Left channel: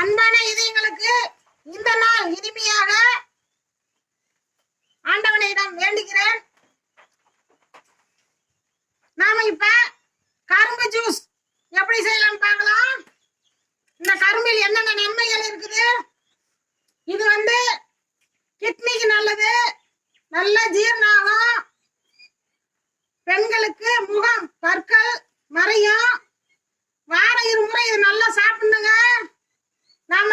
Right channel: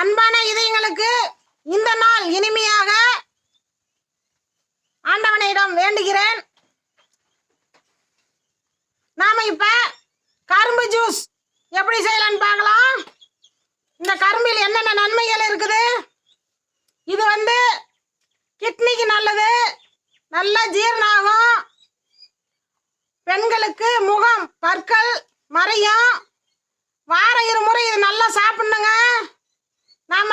அன்பான இதயங்களுக்கு இந்த நாள் இனிமையாக ஆண்டவனிடம் வேண்டுகிறேன். நாம இப்ப கரும்பு ஜூஸ் எப்படி செய்யலாம்னு பார்க்கலாம். இந்த கரும்பில் என்னென்ன நன்மைகள் இருக்குது? இது கிட்னிக்கு நல்லது, நல்ல ஜீரணாகும், பெண்களுக்கு முகம் பற்கள் மறையும். வாரம் இருமுறை இது நல்லா சாப்பிடணுங்க. நாம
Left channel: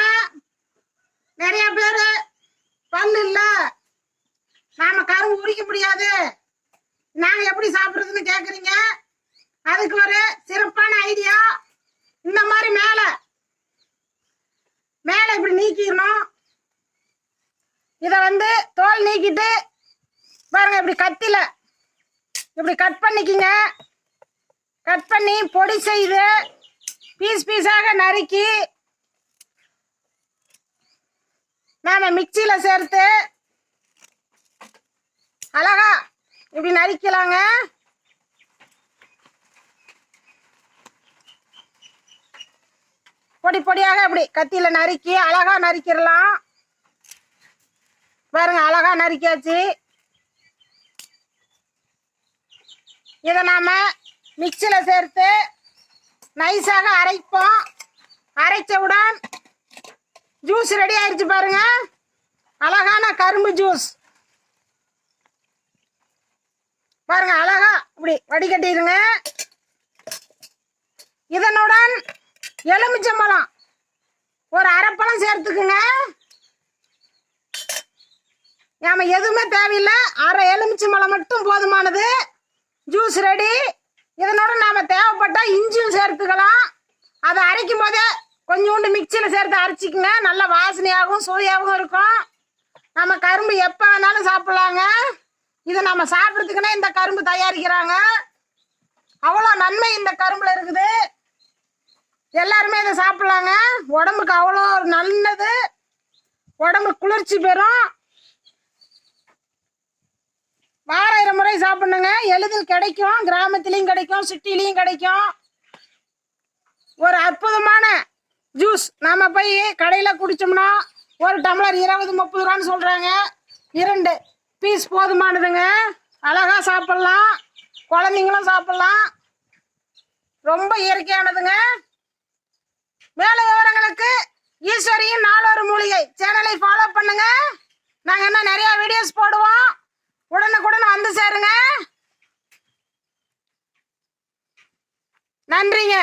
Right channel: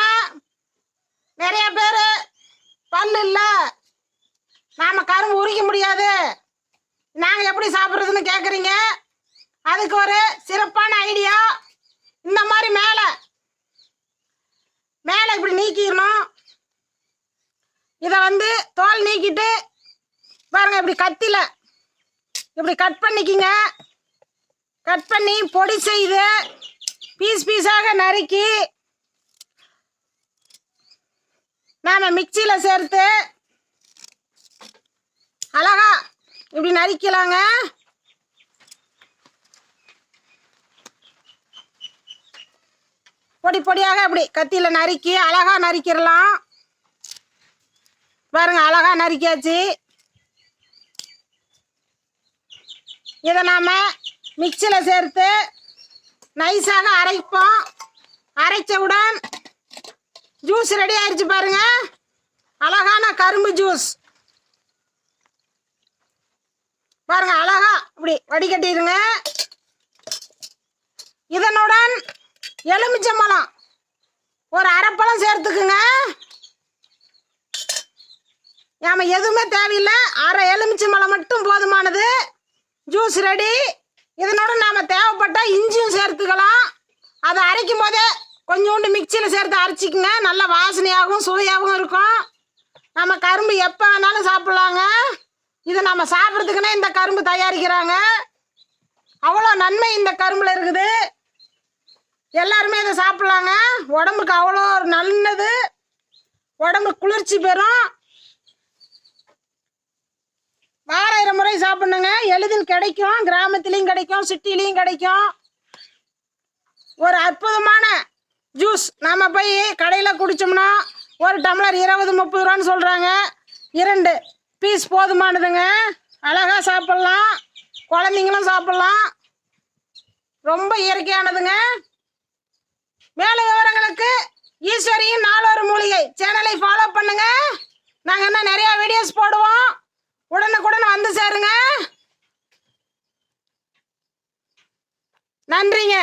நிறைய பேர் பல்லு இல்லை, நாம கரும்பு உரிக்க முடியாது, நாங்கள் எப்படி சாப்பிட்றதுன்னு கேட்குறீங்க. அதுக்கு ஒரு சிறப்பான ஐடியா. இந்த மாதிரி மேலே இப்படி நீக்கிடணும். இதை தோல் நீக்கிட்டு பாருங்க, இப்படி கத்தில இப்படி கட் பண்ணிக்கிங்க. கட் பண்ணி பொடி செய்து பீஸ் பீஸாக நறுக்கி நாம மிக்சியில் சேர்த்து அழகா இப்படி நறுக்கலாங்க. பொடி பொடியாக அப்படி கத்தியில் நறுக்கி அழகா நறுக்கிடலாம். பாருங்க, அழகா நறுக்கியாச்சு. இதை நாம மிக்சியில் சேர்த்து நைஸாக அரைப்போம். அரைச்சவுடன் ஜூஸ் ரெடி ஆயிடுச்சு பாருங்க. அழகான கரும்பு ஜூஸ் பாருங்க, அழகா இப்படி வடிகட்டிடுங்க. இதனுடன் எலுமிச்சம்பழம் ஒரு அரைப்பழம் சேர்த்துக்குங்க. நாம எதுவுமே தேவையில்லை, அரை எலுமிச்சம்பழம் மட்டும் போதுமானது. Juice ready. இதனோட நாம தேவைப்பட்டா இஞ்சியும் சேர்த்துக்கலாம். அதை அரைக்கும் போதே கொஞ்சோண்டு மிக்சியில் சேர்த்து அரைச்சிக்கங்க. நல்ல வாசனையாகவும் சுவையாகவும் இருக்கும். நம்ம கரும்பு எப்போ வேணாலும் சாப்பிட்லாங்க. இதை நம்ம சாப்பிட்றதுக்குன்னா இந்த கரும்பு தயாரிக்கிறாங்க. அவ்வளோ நன்மை இந்த கரும்பில் இருக்குது. எல்லாருமே இதை சாப்பிட்லாங்க. உடம்புக்கு அவ்வளோ நல்லது, உடம்பு குளிர்ச்சி பெறும். வாரம் 2 முறை சாப்பிடணுங்க. எளிதில் கிடைக்கும், கிராமத்துலேயும் கிடைக்கும், சிட்டிலையும் கிடைக்கும். ஒரு அற்புதமான ஜூஸ். நம்ம போய் கடையில் குடித்தோம்னா ஒரு டம்ளர் 20-30 ரூபான்னு சொல்கிறாங்க. 2 பீஸ் போதுமானதுங்க. அழகாக சாப்பிட்லாம், குழந்தைங்களும் சாப்பிட்லாம். ரொம்ப இயற்கையானதுங்க. மேலும் விவரங்களுக்கு ஈஸ்வரியின் நாளொரு மூலிகை சேனலை ஃபாலோ பண்ணுங்க. நாங்கள் இன்னும் நிறையா வீடியோஸ் போடுவோம். உடனுக்குடன் வந்து சேருங்க. நன்றிங்க.